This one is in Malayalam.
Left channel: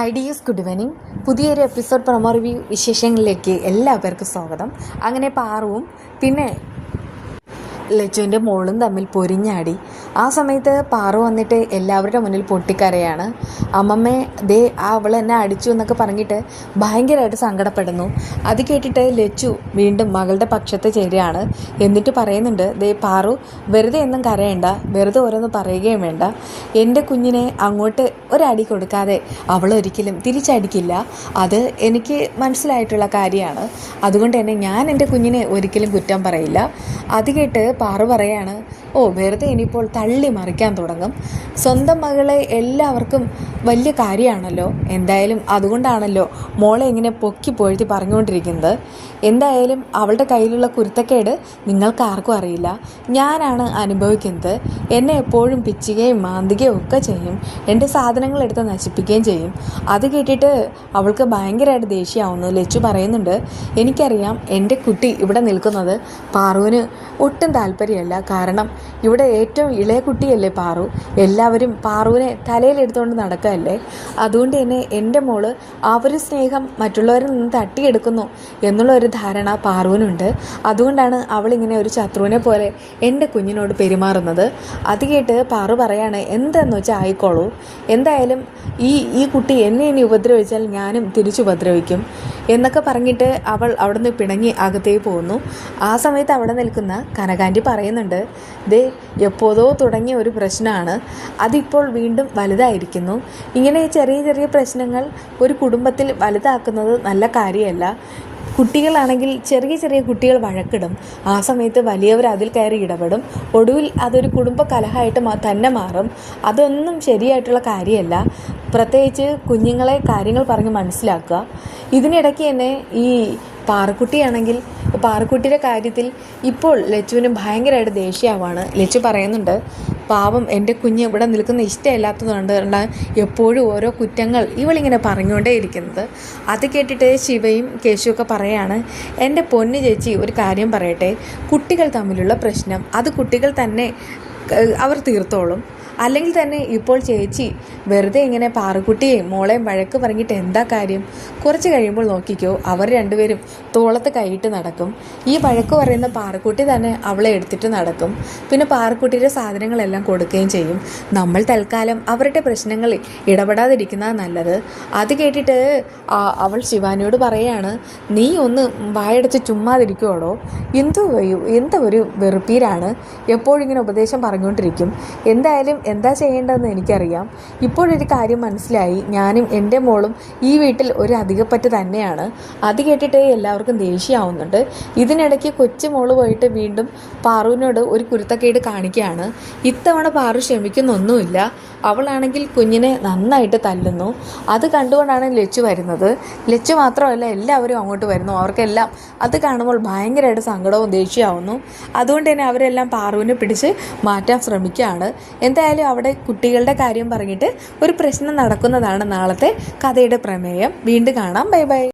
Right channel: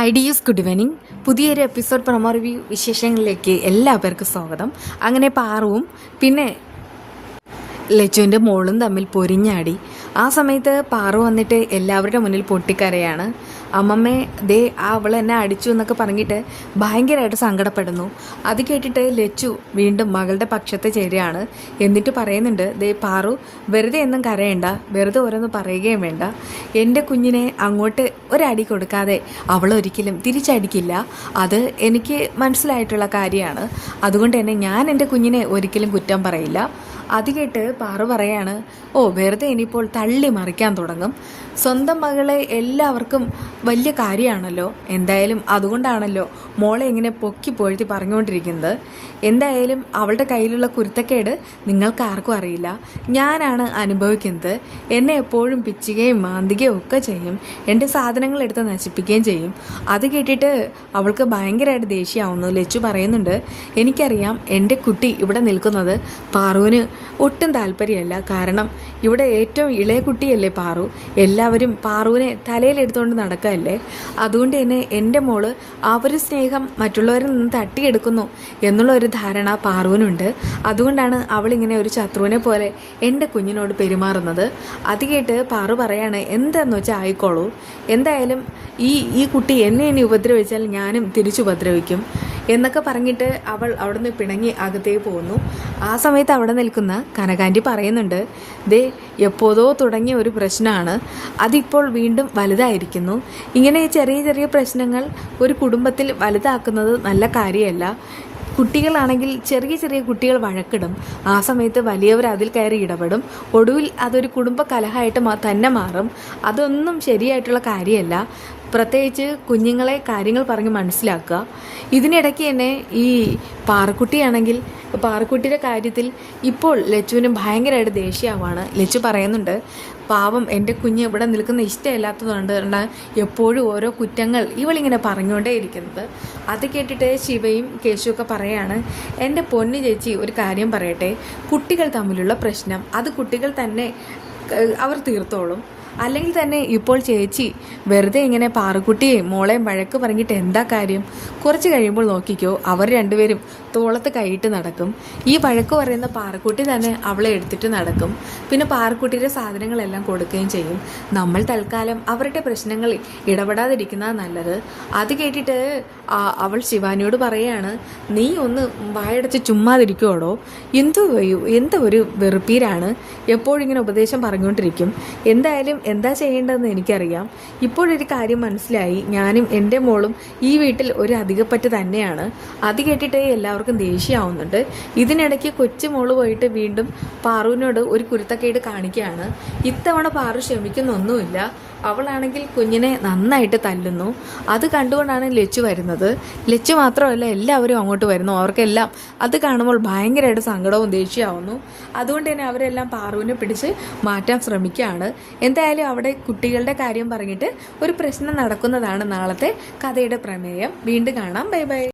Hi dears good evening. പുതിയൊരു എപ്പിസോഡ് പ്രൊമോ റിവ്യൂ വിശേഷങ്ങളിലേക്ക് എല്ലാവർക്കും സ്വാഗതം. അങ്ങനെ പാറുവും പിന്നെ ലച്ചുവിന്റെ മോളും തമ്മിൽ പൊരിഞ്ഞാടി. ആ സമയത്ത് പാറു വന്നിട്ട് എല്ലാവരുടെ മുന്നിൽ പൊട്ടിക്കരയാണ്. അമ്മമ്മേ ദേ ആ അവൾ എന്നെ അടിച്ചു എന്നൊക്കെ പറഞ്ഞിട്ട് ഭയങ്കരമായിട്ട് സങ്കടപ്പെടുന്നു. അത് കേട്ടിട്ട് ലച്ചു വീണ്ടും മകളുടെ പക്ഷത്ത് ചേരുകയാണ്. എന്നിട്ട് പറയുന്നുണ്ട് ദേ പാറു വെറുതെ എന്നും കരയണ്ട വെറുതെ ഓരോന്ന് പറയുകയും വേണ്ട. എന്റെ കുഞ്ഞിനെ അങ്ങോട്ട് ഒരടി കൊടുക്കാതെ അവൾ ഒരിക്കലും തിരിച്ചടിക്കില്ല. അത് എനിക്ക് മനസ്സിലായിട്ടുള്ള കാര്യമാണ്. അതുകൊണ്ട് തന്നെ ഞാൻ എന്റെ കുഞ്ഞിനെ ഒരിക്കലും കുറ്റം പറയില്ല. അത് കേട്ട് പാറു പറയാണ് ഓ വെറുതെ ഇനിയിപ്പോൾ തള്ളി മറിക്കാൻ തുടങ്ങും. സ്വന്തം മകളെ എല്ലാവർക്കും വലിയ കാര്യമാണല്ലോ. എന്തായാലും അതുകൊണ്ടാണല്ലോ മോളെ ഇങ്ങനെ പൊക്കി പൊഴുത്തി പറഞ്ഞുകൊണ്ടിരിക്കുന്നത്. എന്തായാലും അവളുടെ കയ്യിലുള്ള കുരുത്തക്കേട് നിങ്ങൾക്ക് ആർക്കും അറിയില്ല. ഞാനാണ് അനുഭവിക്കുന്നത്. എന്നെ എപ്പോഴും പിച്ചുകയും മാന്തികയും ഒക്കെ ചെയ്യും. എന്റെ സാധനങ്ങൾ എടുത്ത് നശിപ്പിക്കുകയും ചെയ്യും. അത് കേട്ടിട്ട് അവൾക്ക് ഭയങ്കരമായിട്ട് ദേഷ്യമാവുന്നു ലച്ചു പറയുന്നുണ്ട്. എനിക്കറിയാം എന്റെ കുട്ടി ഇവിടെ നിൽക്കുന്നത് പാറുവിന് ഒട്ടും താല്പര്യമല്ല. കാരണം ഇവിടെ ഏറ്റവും ഇളയ കുട്ടിയല്ലേ പാറു? എല്ലാവരും പാറുവിനെ തലയിലെടുത്തുകൊണ്ട് നടക്കുകയല്ലേ അതുകൊണ്ട് തന്നെ എന്റെ മോൾ ആ ഒരു സ്നേഹം മറ്റുള്ളവരിൽ നിന്ന് തട്ടിയെടുക്കുന്നു എന്നുള്ള ഒരു ധാരണ പാറുവിനുണ്ട്. അതുകൊണ്ടാണ് അവളിങ്ങനെ ഒരു ശത്രുവിനെ പോലെ എന്റെ കുഞ്ഞിനോട് പെരുമാറുന്നത്. അത് കേട്ട് പാറു പറയാണ് എന്താന്ന് വെച്ചാൽ ആയിക്കോളൂ. എന്തായാലും ഈ ഈ കുട്ടി എന്നെ ഇനി ഉപദ്രവിച്ചാൽ ഞാനും തിരിച്ചു ഉപദ്രവിക്കും. എന്നൊക്കെ പറഞ്ഞിട്ട് അവൾ അവിടുന്ന് പിണങ്ങി അകത്തേക്ക് പോകുന്നു. ആ സമയത്ത് അവിടെ നിൽക്കുന്ന കനകാന്റി പറയുന്നുണ്ട് ദേ എപ്പോഴോ തുടങ്ങിയ ഒരു പ്രശ്നമാണ്. അതിപ്പോൾ വീണ്ടും വലുതായിരിക്കുന്നു. ഇങ്ങനെ ചെറിയ ചെറിയ പ്രശ്നങ്ങൾ ഒരു കുടുംബത്തിൽ വലുതാക്കുന്നത് നല്ല കാര്യമല്ല. കുട്ടികളാണെങ്കിൽ ചെറിയ ചെറിയ കുട്ടികൾ വഴക്കിടും. ആ സമയത്ത് വലിയവർ അതിൽ കയറി ഇടപെടും. ഒടുവിൽ അതൊരു കുടുംബ കലഹമായിട്ട് തന്നെ മാറും. അതൊന്നും ശരിയായിട്ടുള്ള കാര്യമല്ല. പ്രത്യേകിച്ച് കുഞ്ഞുങ്ങളെ കാര്യങ്ങൾ പറഞ്ഞ് മനസ്സിലാക്കുക. ഇതിനിടയ്ക്ക് തന്നെ ഈ പാറക്കുട്ടിയാണെങ്കിൽ പാറക്കുട്ടിയുടെ കാര്യത്തിൽ ഇപ്പോൾ ലച്ചുവിന് ഭയങ്കരമായിട്ട് ദേഷ്യമാവാണ്. ലച്ചു പറയുന്നുണ്ട് പാവം എന്റെ കുഞ്ഞ് ഇവിടെ നിൽക്കുന്ന ഇഷ്ടമില്ലാത്തതുകൊണ്ട് കാരണം എപ്പോഴും ഓരോ കുറ്റങ്ങൾ ഇവളിങ്ങനെ പറഞ്ഞുകൊണ്ടേ ഇരിക്കുന്നത്. അത് കേട്ടിട്ട് ശിവയും കേശുവൊക്കെ പറയാണ് എന്റെ പൊന്നു ചേച്ചി ഒരു കാര്യം പറയട്ടെ. കുട്ടികൾ തമ്മിലുള്ള പ്രശ്നം അത് കുട്ടികൾ തന്നെ അവർ തീർത്തോളും. അല്ലെങ്കിൽ തന്നെ ഇപ്പോൾ ചേച്ചി വെറുതെ ഇങ്ങനെ പാറക്കുട്ടിയെയും മോളെയും വഴക്ക് പറഞ്ഞിട്ട് എന്താ കാര്യം? കുറച്ച് കഴിയുമ്പോൾ നോക്കിക്കോ അവർ രണ്ടുപേരും തോളത്ത് കൈയിട്ട് നടക്കും. ഈ വഴക്ക് പറയുന്ന പാറക്കുട്ടി തന്നെ അവളെ എടുത്തിട്ട് നടക്കും. പിന്നെ പാറക്കുട്ടിയുടെ സാധനങ്ങളെല്ലാം കൊടുക്കുകയും ചെയ്യും. നമ്മൾ തൽക്കാലം അവരുടെ പ്രശ്നങ്ങളിൽ ഇടപെടാതിരിക്കുന്നതാണ് നല്ലത്. അത് കേട്ടിട്ട് അവൾ ശിവാനിയോട് പറയാണ് നീ ഒന്ന് വായടച്ച് ചുമ്മാതിരിക്കുവാണോ എന്തോ എന്തോ ഒരു വെറുപ്പീരാണ്. എപ്പോഴിങ്ങനെ ഉപദേശം പറഞ്ഞുകൊണ്ടിരിക്കും. എന്തായാലും എന്താ ചെയ്യേണ്ടതെന്ന് എനിക്കറിയാം. ഇപ്പോഴൊരു കാര്യം മനസ്സിലായി. ഞാനും എന്റെ മോളും ഈ വീട്ടിൽ ഒരു അധികപ്പറ്റ് തന്നെയാണ്. അത് കേട്ടിട്ട് എല്ലാവർക്കും ദേഷ്യമാവുന്നുണ്ട്. ഇതിനിടയ്ക്ക് കൊച്ചു മോൾ പോയിട്ട് വീണ്ടും പാറുവിനോട് ഒരു കുരുത്തക്കേട് കാണിക്കുകയാണ്. ഇത്തവണ പാറു ക്ഷമിക്കുന്നൊന്നുമില്ല. അവളാണെങ്കിൽ കുഞ്ഞിനെ നന്നായിട്ട് തല്ലുന്നു. അത് കണ്ടുകൊണ്ടാണ് ലച്ചു വരുന്നത്. ലച്ചു മാത്രമല്ല എല്ലാവരും അങ്ങോട്ട് വരുന്നു. അവർക്കെല്ലാം അത് കാണുമ്പോൾ ഭയങ്കരമായിട്ട് സങ്കടവും ദേഷ്യമാവുന്നു അതുകൊണ്ട് തന്നെ അവരെല്ലാം പാറുവിനെ പിടിച്ച് മാറ്റാൻ ശ്രമിക്കുകയാണ്. എന്തായാലും അവിടെ കുട്ടികളുടെ കാര്യം പറഞ്ഞിട്ട് ഒരു പ്രശ്നം നടക്കുന്നതാണ് നാളത്തെ കഥയുടെ പ്രമേയം. വീണ്ടും കാണാം. Bye bye.